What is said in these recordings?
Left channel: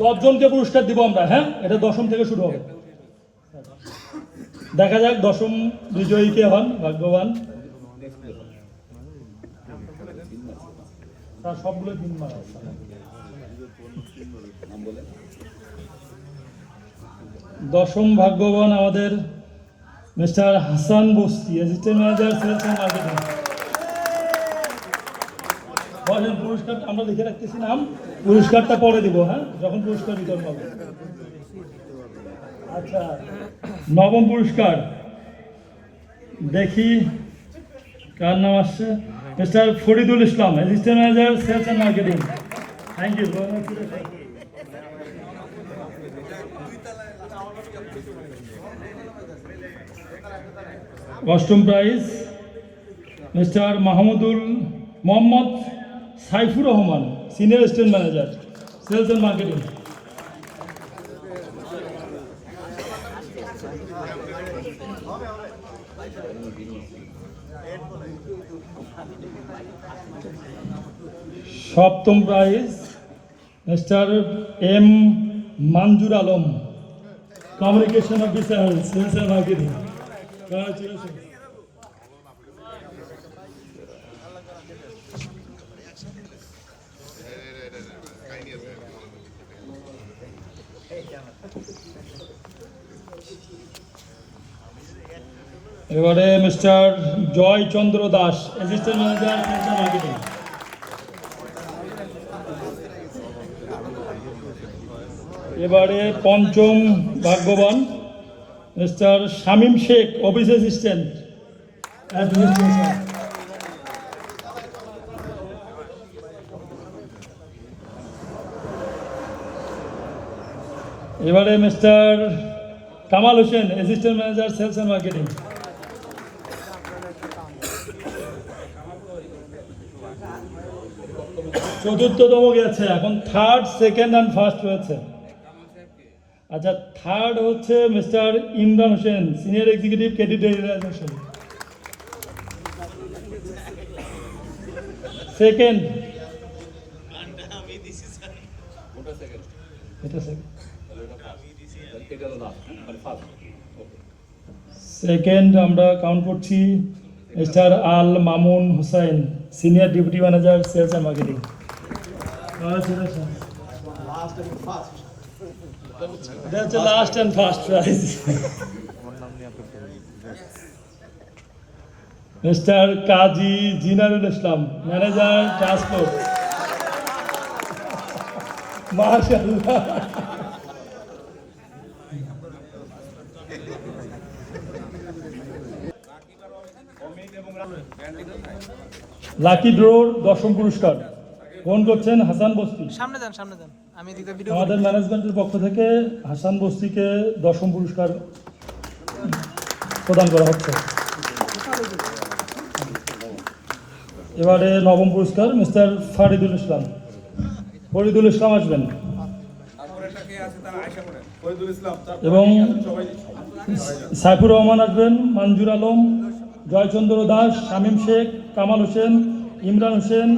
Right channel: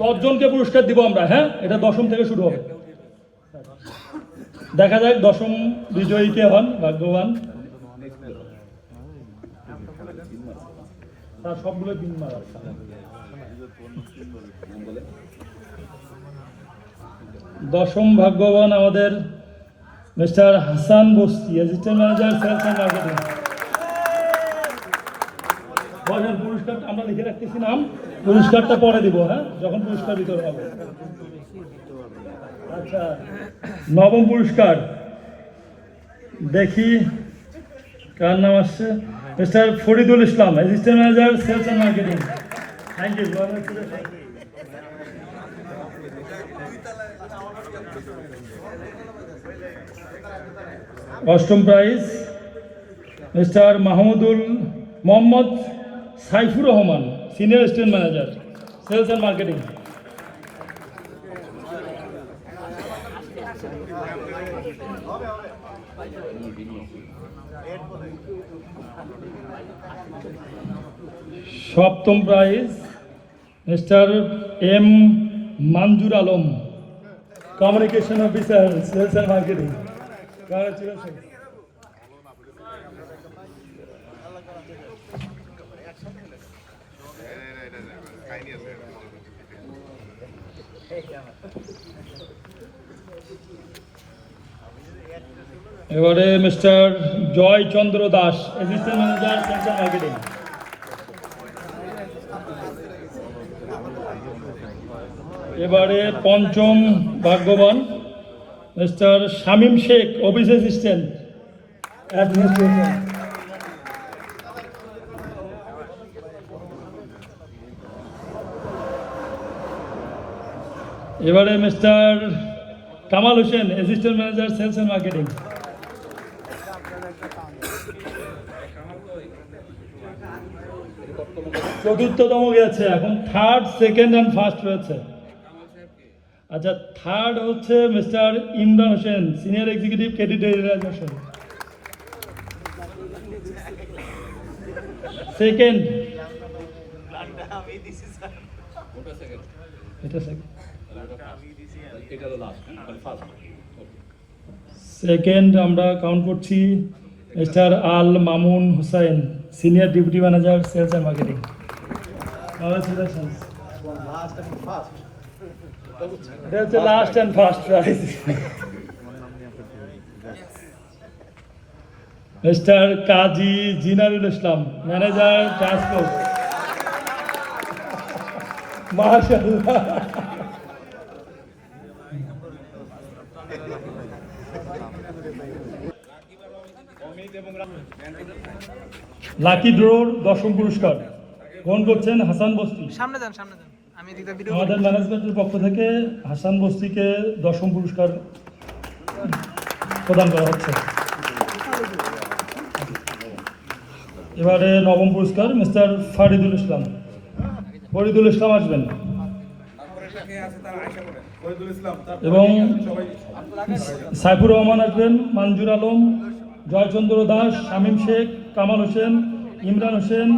10 জনকে পুরস্কার দিব আমরা। হ্যাঁ, এটা 10ম থেকে শুরু হবে। দেখা যাক 10ম বিজয়ী কে হন, ভাগ্যবান। সবগুলো দিন মারা 10ম ভাগ্যবান আমাদের mister Hasan Basti, assistant manager sales and marketing. বলেন, পুরস্কার আমরা লিখে রাখতেছি নাম, পুরস্কারটা পরে দিব। হ্যাঁ, যখন পুরস্কার বিতরণ হবে। আচ্ছা, 9ম পুরস্কার দেখি কার নাম আসছে। Mister Faridul Islam, assistant manager sales and marketing. Thank you. 8ম prize mister Mohammad Saifur Rahman, senior assistant manager sales and marketing. সপ্তম prize mister M Monjur Alam, communication officer sales and marketing. এবারে mister Joy Chandra Das, assistant manager sales and marketing. এবারে 5ম ভাগ্যবান mister Shamim Sheikh, office assistant administration. এবারে mister Kamal Hossain, assistant manager sales and marketing. চতুর্থতম গেছে, এখন 3rd, 2nd and 1st রয়েছে। আচ্ছা, 3rd হচ্ছে mister Imran Hossain, senior executive credit realisation. 2nd আমরা কাউন্ট করছি mister Al Mamun Hussain, senior deputy manager sales and marketing. Last and first prize mister Kazi Jinarul Islam, manager transport. মাশাআল্লাহ। Lucky ড্রোর 10ম পুরস্কার ফোন করছেন হাসান বস্তি। সামনে যান, আমি ভিডিও। আমাদের ম্যানেজমেন্টের পক্ষ থেকে হাসান বস্তিকে 10ম পুরস্কার প্রদান করা হচ্ছে। এবারে 9ম পুরস্কার মিস্টার ফরিদুল ইসলাম আসবেন, এবং সাইফুর রহমান আসবেন, মঞ্জুর আলম, জয়চন্দ্র দাস, শামীম শেখ, কামাল হোসেন, ইমরান হোসেন,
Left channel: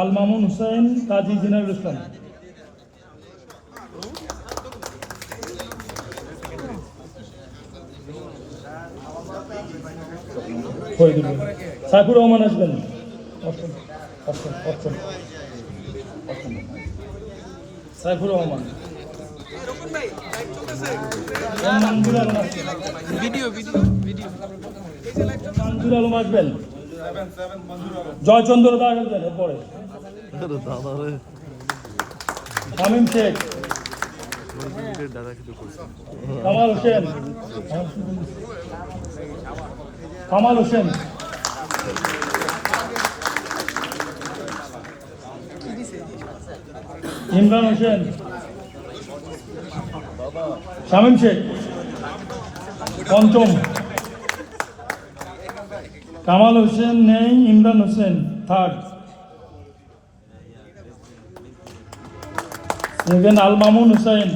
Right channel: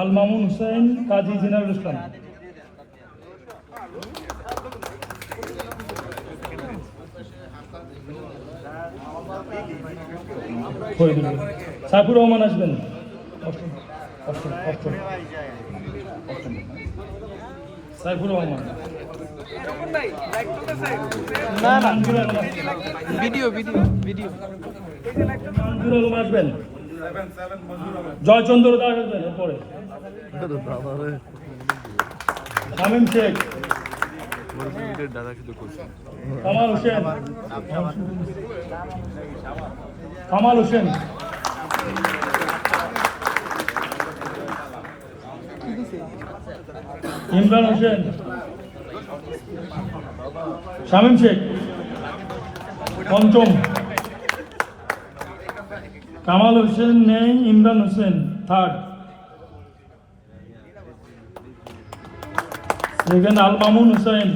আল মামুন হুসাইন, কাজী জিনারুল ইসলাম। সাইফুর রহমান আসবেন। সাইফুর রহমান, ভিডিও। মঞ্জুর আলম আসবেন, জয়চন্দ্র দাস আসবেন। এরপরে শামীম শেখ, কামাল হোসেন, ইমরান হোসেন, শামীম শেখ। 5ম কামাল হোসেন নেই, Imran Hossain. 3rd 2nd Al Mamun Hussain.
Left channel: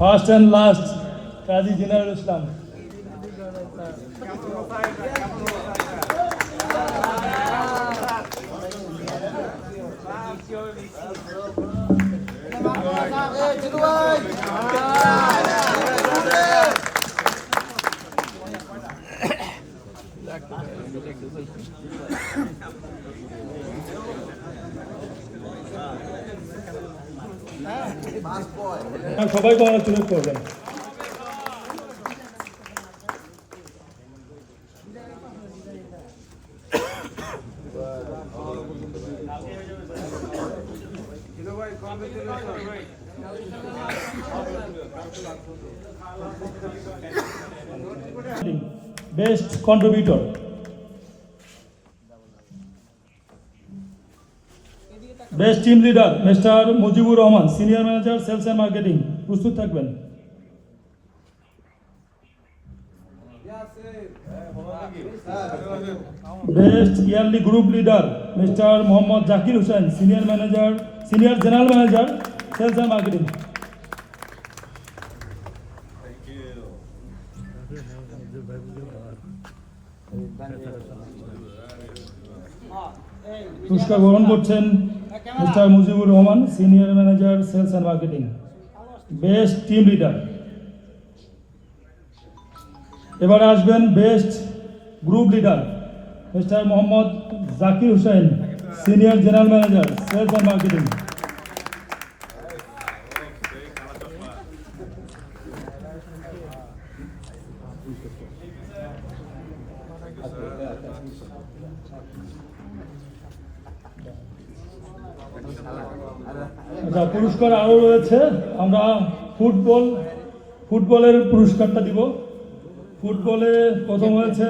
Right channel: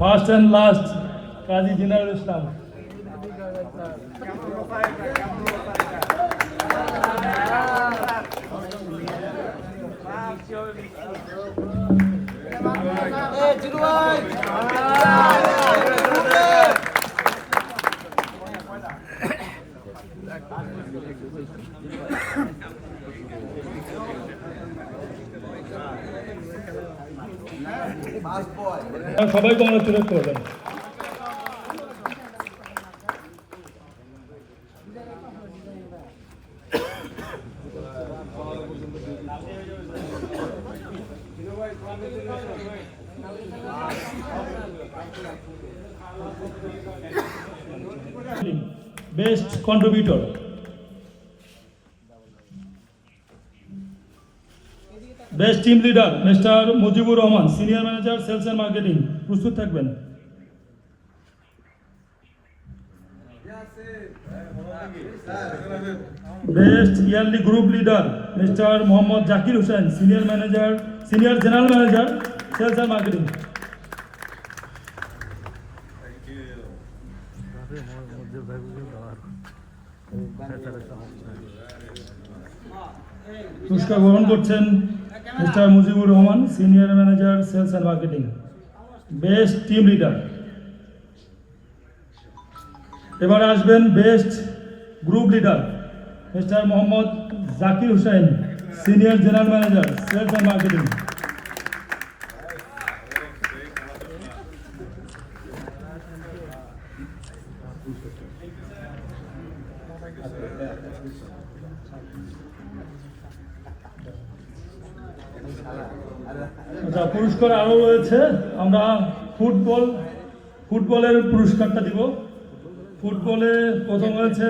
1st and last কাজী জিনারুল ইসলাম। সবাইকে অনেক সুযোগ করবেন। Best contributor, best team leader mister Mujibur Rahman, senior manager sales and marketing, প্রস্তুত থাকবেন। Best yearly group leader mister Mohammad Zakir Hossain, senior general manager sales and marketing. পুরস্কার গ্রহণ করছেন mister Mujibur Rahman, senior manager sales and marketing. Best team leader. এবার আসবেন best group leader mister Mohammad Zakir Hossain, senior general manager sales and marketing. পুরস্কার আরো রয়েছে, আমরা ফুটবলের পুরস্কারটা দিব। ফুটবলে প্রথম হয়েছে